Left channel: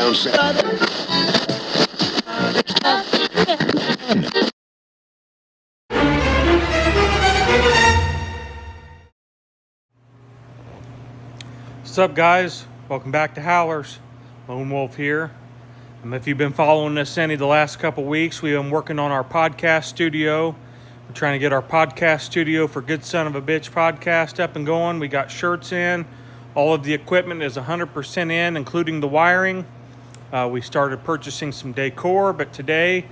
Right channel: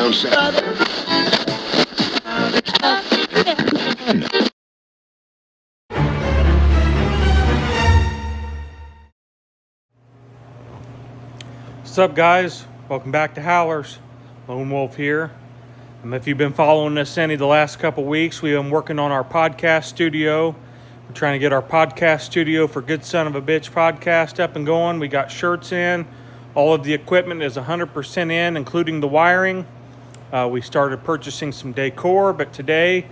What's up, guys? Welcome back to Howlers. Lone Wolf here. If you've been following us any of the last couple weeks, we've been working on our podcast studio. We're trying to get our podcast studio for Good Son of a Bitch podcast up and going. We got shirts in. All of the equipment is 100% in, including the wiring. We started purchasing some decor, but today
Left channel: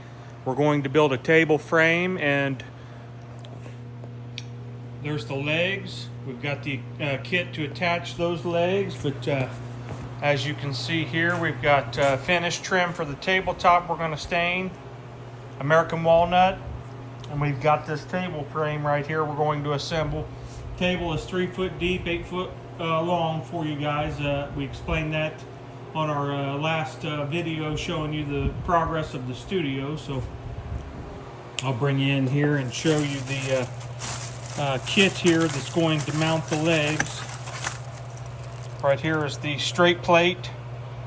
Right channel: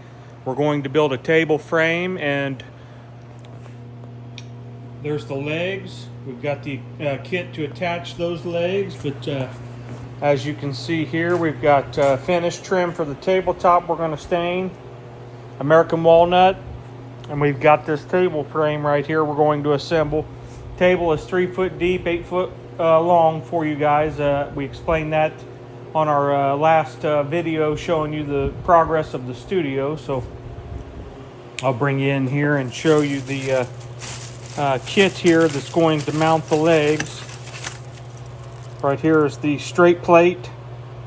we're going to build a table frame, and there's the legs. We've got the kit to attach those legs, but as you can see here, we've got finished trim for the tabletop we're going to stain, American walnut, and we've got this table frame right here we're going to assemble. Table is 3 foot deep, 8 foot long for you guys. We explained that on our last video showing you the progress of the studio, so I'll bring you in here and show you the kit here that's going to mount the legs. Right here is the straight plate.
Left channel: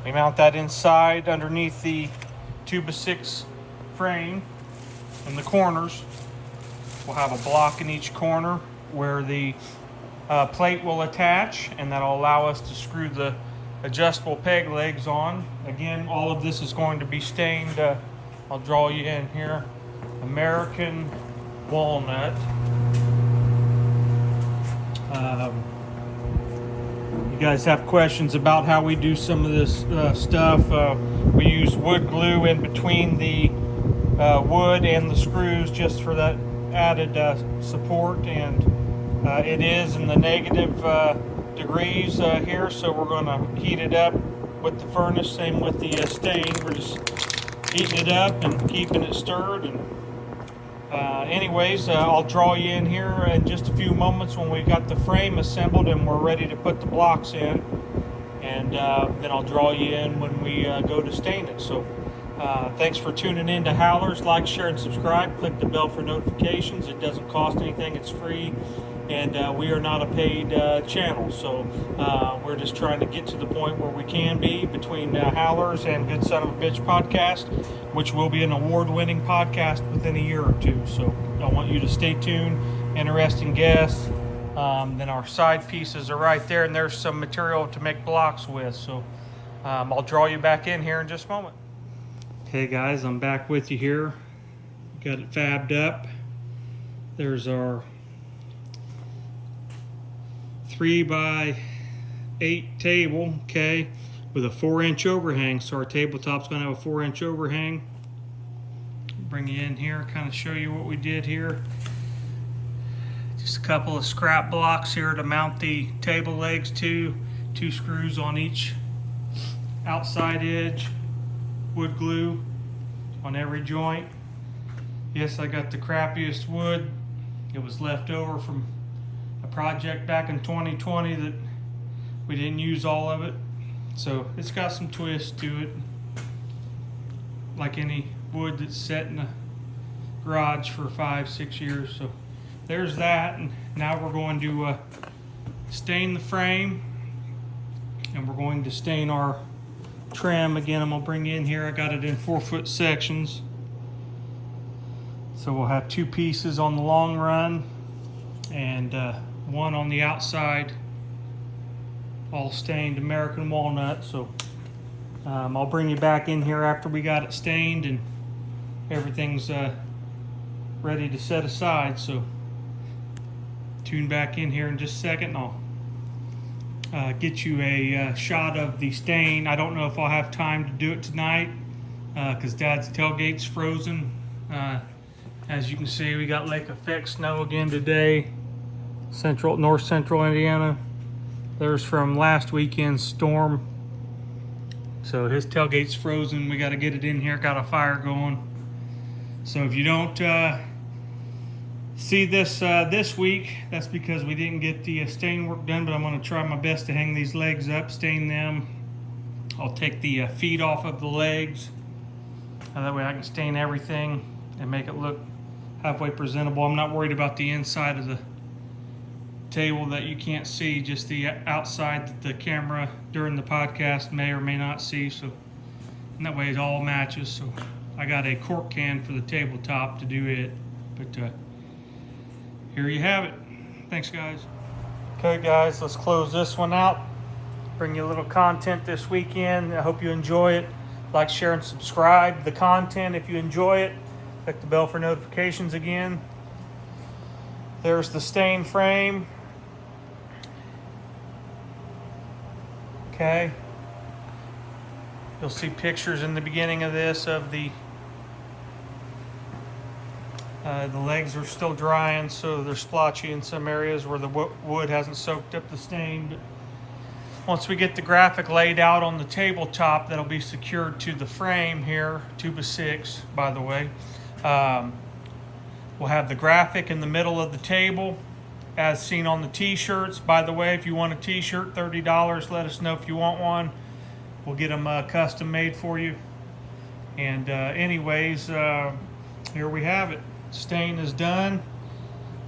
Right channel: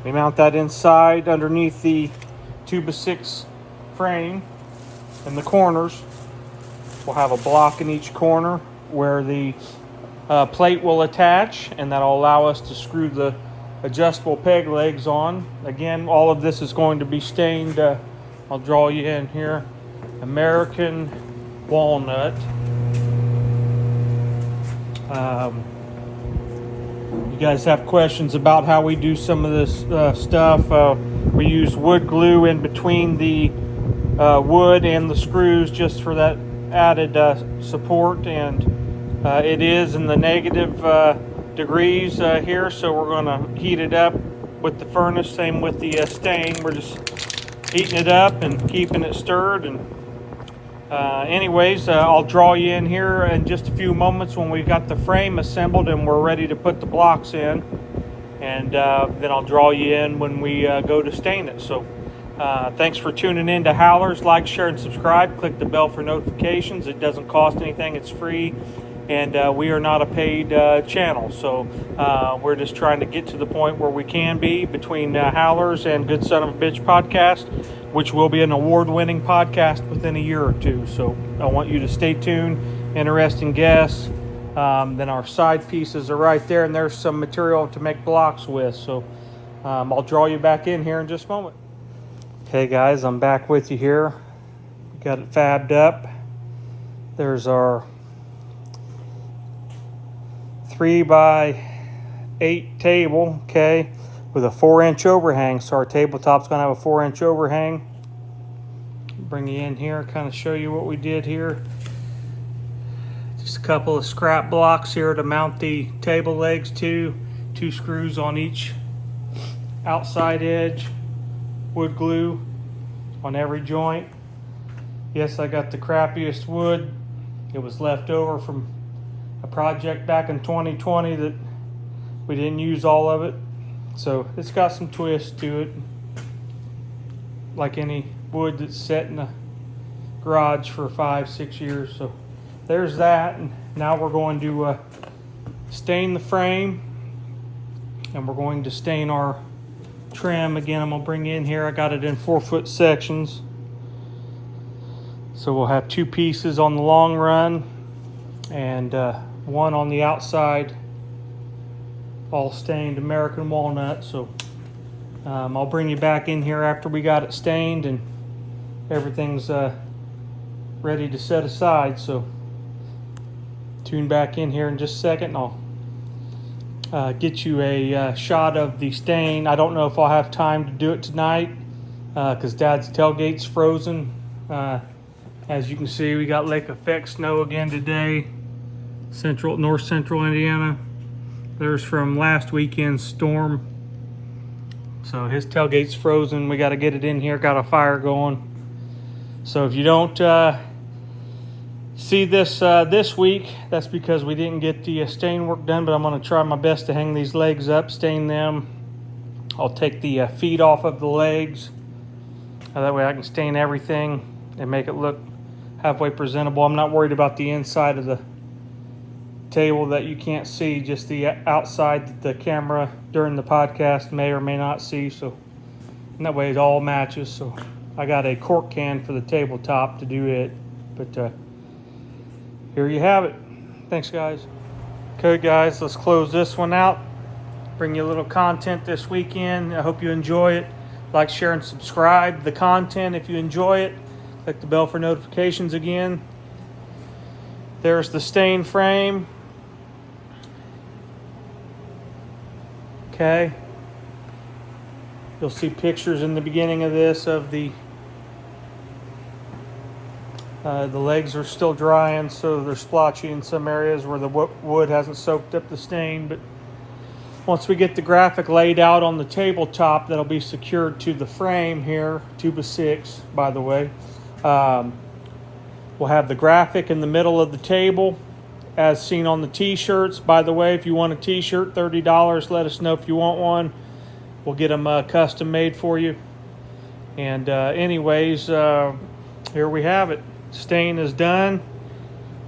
We mount that inside underneath the 2x6 frame. In the corners, we'll have a block in each corner where the plate will attach, and that'll allow us to screw the adjustable peg legs on. Again, all of this is going to be stained. I'll draw you in here. American walnut. You guys have questions about how we do some of this stuff. We use wood glue in between the wood and the screws just for that added support, and it is in the negative degrees here, so we're going to heat it up with the furnace. Same with the stain. We're just heating it up and keeping it stirred. And anyways, I'll draw you in here in just a few moments when we've got the frame assembled and we're ready to put the blocks in, and then I'll draw you in when we go to stain it. So thanks for tuning in to Howlers. Like, share, and subscribe. Click the bell for notifications. It doesn't cost anything. It's free, and we are not a paid channel, so we're just trying to get to the point where we can be between Howlers and Good Son of a Bitch podcast, which will be an award-winning podcast within a year or two. So I want you to stay tuned. Interesting guests. Then our side pieces are right there, and there's some material to make blocks with. So I'll draw you back in here in just a moment. Okay, guys, I'm back with you here. Got it fabbed up. There's our 3x8 table, okay, with a 4-inch overhang. So our tabletop's gonna have a 4-inch overhang. Bring you in here, kind of show you what we did here. Just a couple of scrap blocks here to mount the table legs to. 2 screws on each outside edge. Wood glue on every joint. Yes, I got the crappiest wood. It was left over from a project back in 2020 that we didn't use all of it. So it's got some twist to it, like any wood that's set in a garage for 5-6 years. So there's that, and now we're going to stain the frame, and we're going to stain our trim. Again, I'm gonna bring you in here. I got it in 4-foot sections, so we'll have 2 pieces on the long run and 1 on the outside, all stained American walnut. So I'll bring you back in here after we got it stained and everything's ready to set aside. So tune back in here in just a second, and I'll get you a shot of the stain. I don't know if I'll have time to do it tonight because Dad's tailgate's frozen. As you can see, we got lake effect snow again today. North central Indiana. There's from last weekend's storm. So his tailgate's frozen. We got to get it in here. Got a fire going. So if you don't see this this week, that's because we didn't get the stain work done, but I'm going to try my best to hang these legs up, stain them. I'll take the feet off of the legs. That way I can stain everything and make it look halfway presentable. I'm not worried about the inside of the table that you can't see, just the outside that the camera during the podcast may or may not see. So and that way it all matches. So I got a cork can for the tabletop to do it, but here you have it. Thanks, guys. Okay, guys, let's close this one out. Bring you a little content this weekend. I hope you enjoy it. Like, share, and subscribe to the content if you enjoy it. Click the bell for notifications again. There's the stain frame. Okay. You'll see pictures in the beginning of this of the legs are still drying, so they're splotchy in some areas where the wood hasn't soaked up the stain. But once we get the graphic laid out on the tabletop, that'll be secured to the frame here, 2x6, by the way. We'll have the graphic in the middle of the table, as seen on the t-shirts. By the way, if you want a t-shirt, $30. Let us know if you want one. We'll get them custom made for you. And anyways, here we have it. Stain is done.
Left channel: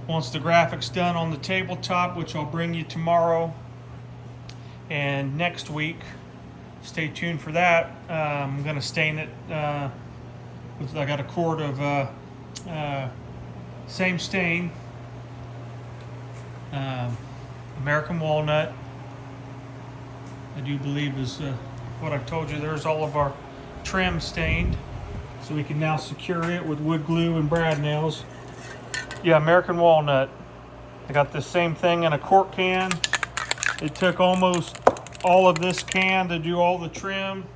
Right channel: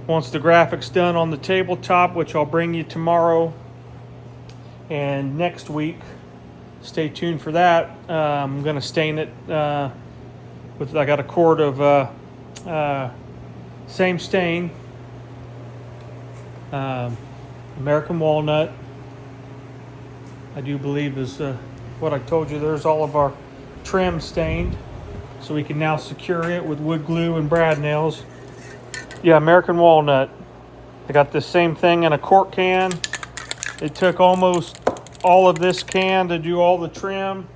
Once the graphic's done on the tabletop, which I'll bring you tomorrow and next week, stay tuned for that. I'm going to stain it with, I got a quart of same stain, American walnut, I do believe is what I told you. There's all of our trim stained, so we can now secure it with wood glue and brad nails. Yeah, American walnut. I got this same thing in a quart can. It took almost all of this can to do all the trim,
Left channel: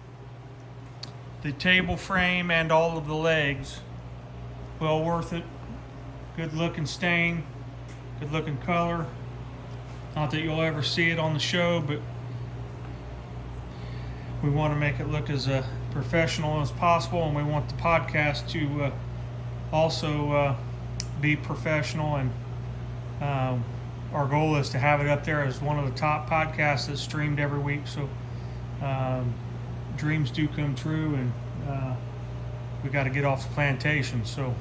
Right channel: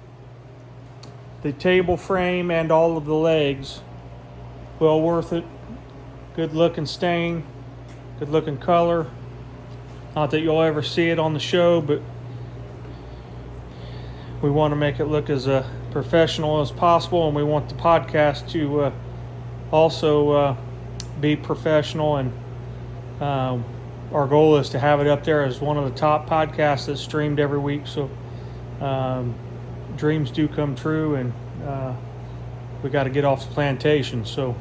the table frame, and all of the legs. Well worth it. Good looking stain, good looking color. Not that you'll ever see it on the show, but we want to make it look as professional as possible, and we want the podcast to also be professional, and our goal is to have it up there as one of the top podcasts that's streamed every week. So dreams do come true, and we got to get off the plantation. So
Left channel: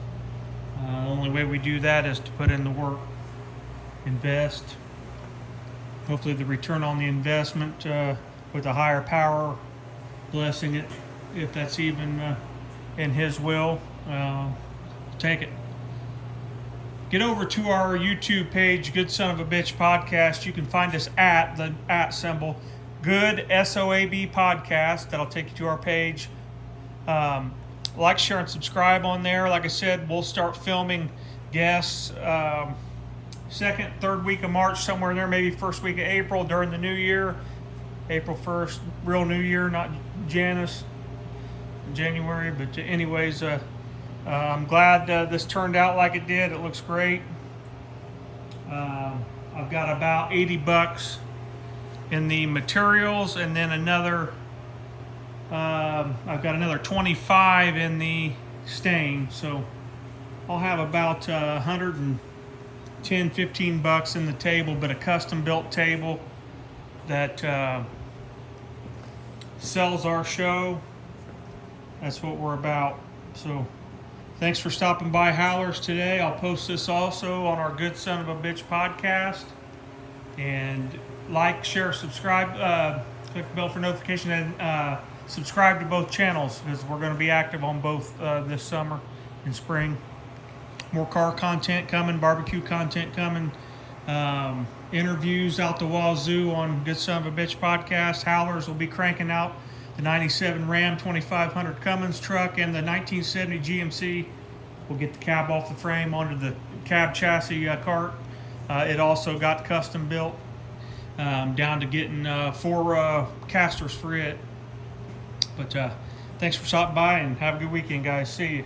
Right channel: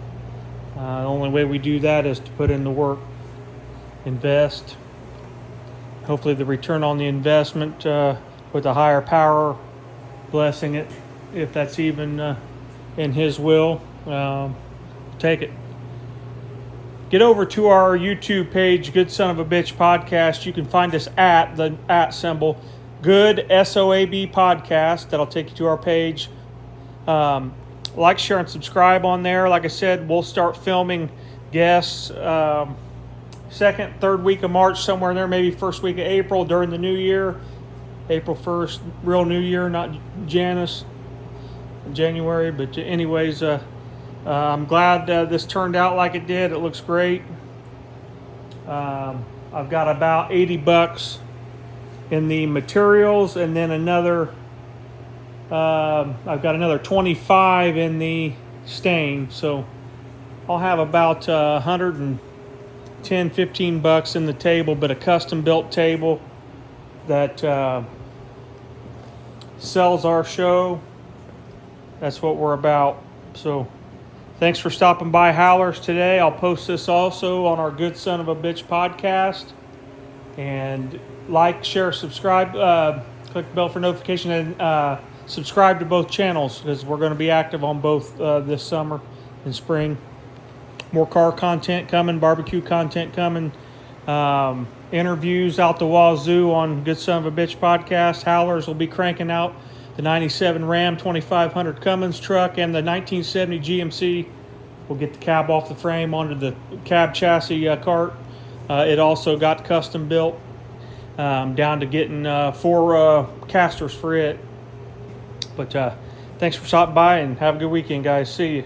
the only way we do that is to put in the work, invest. Hopefully the return on the investment with a higher power blessing it, if that's even in his will, take it. Get over to our YouTube page, Good Son of a Bitch Podcast. You can find us at the @ symbol, Good SOAB Podcast. That'll take you to our page. Like, share, and subscribe on there. Like I said, we'll start filming guests second, third week of March, somewhere in there, maybe first week of April during the new year. April 1st, real new year, not January. But anyways, I'm glad this turned out like it did. It looks great. I've got about $80 in the materials, and then another I've got another 25 in the stain, so I'll have about 110, 15 bucks in the table, but a custom built table that sells our show. That's what we're about. So thanks for stopping by Howlers today. I'll post this also on our Good Son of a Bitch podcast. And like, share, subscribe, click the bell for notification, and subscribe to both channels, because we're going to be active on both this summer and spring. More car content coming, barbecue content coming, interviews out the wazoo on Good Son of a Bitch podcast. Howlers will be cranking out the 97 Ram 2500 Cummins truck and the 1970 GMC. We'll get the cab off the frame onto the cab chassis cart. It also got custom built, down to getting 4 casters for it. But thanks for stopping by, and have a good weekend, guys. See you.